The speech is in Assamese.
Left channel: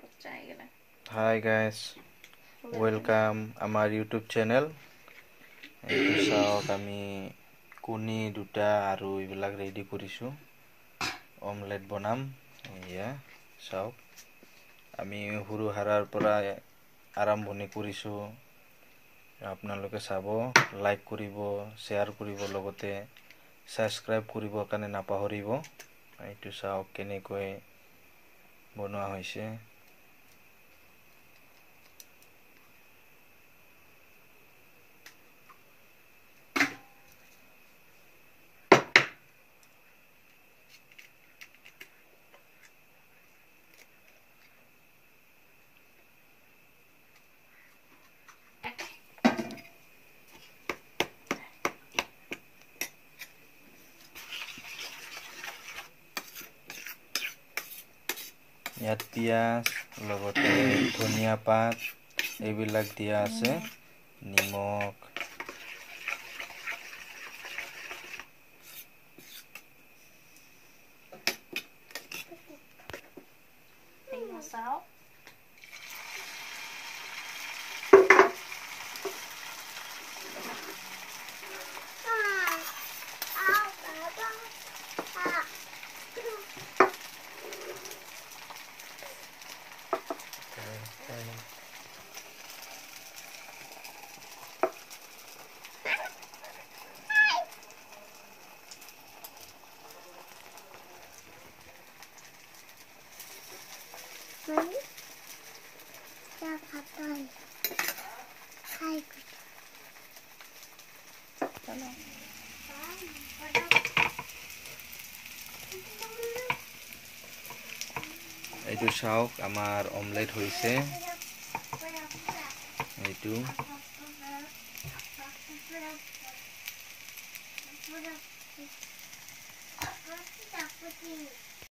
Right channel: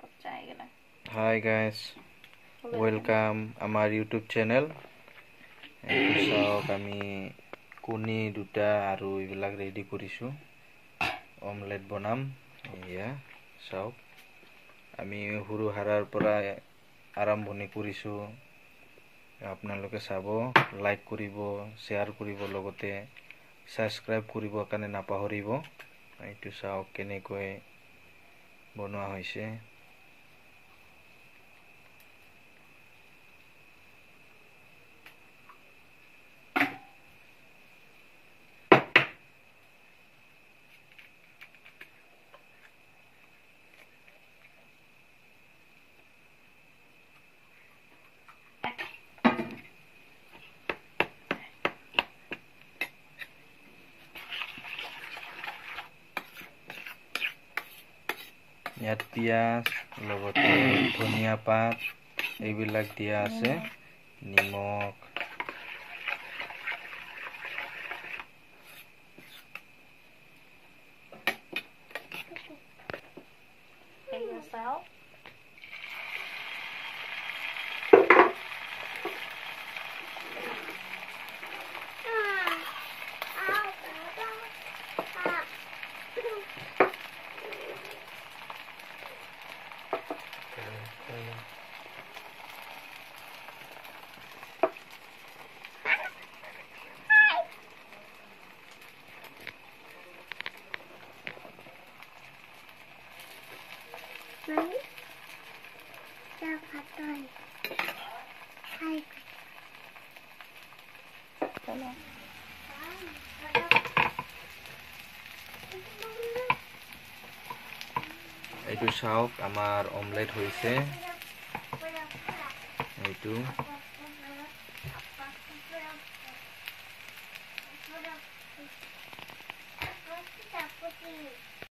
Hi guys, welcome our YouTube channel. এইটো চাওক আমি কণী দুটা আৰু এইবিলাক ৰেডি কৰিছো অমলেট বনাম এয়া চাওক আমি হুৰু হাৰাৰ পৰা আৰম্ভণি কৰিছো আপোনালোকে চাব লাইক কৰিব শেয়াৰ কৰিব লগতে সাবস্ক্ৰাইব কৰিব কাৰণে নাপাহৰিব এইটো চাওক কেনেকৈ বনোৱা হৈছে ইয়াত পিয়াজ লগতে ধনিয়া পাত এইবিলাক দিয়া আছে নিমখ Salt. এইটো চাওক আমাৰ অমলেট হৈছে এইটো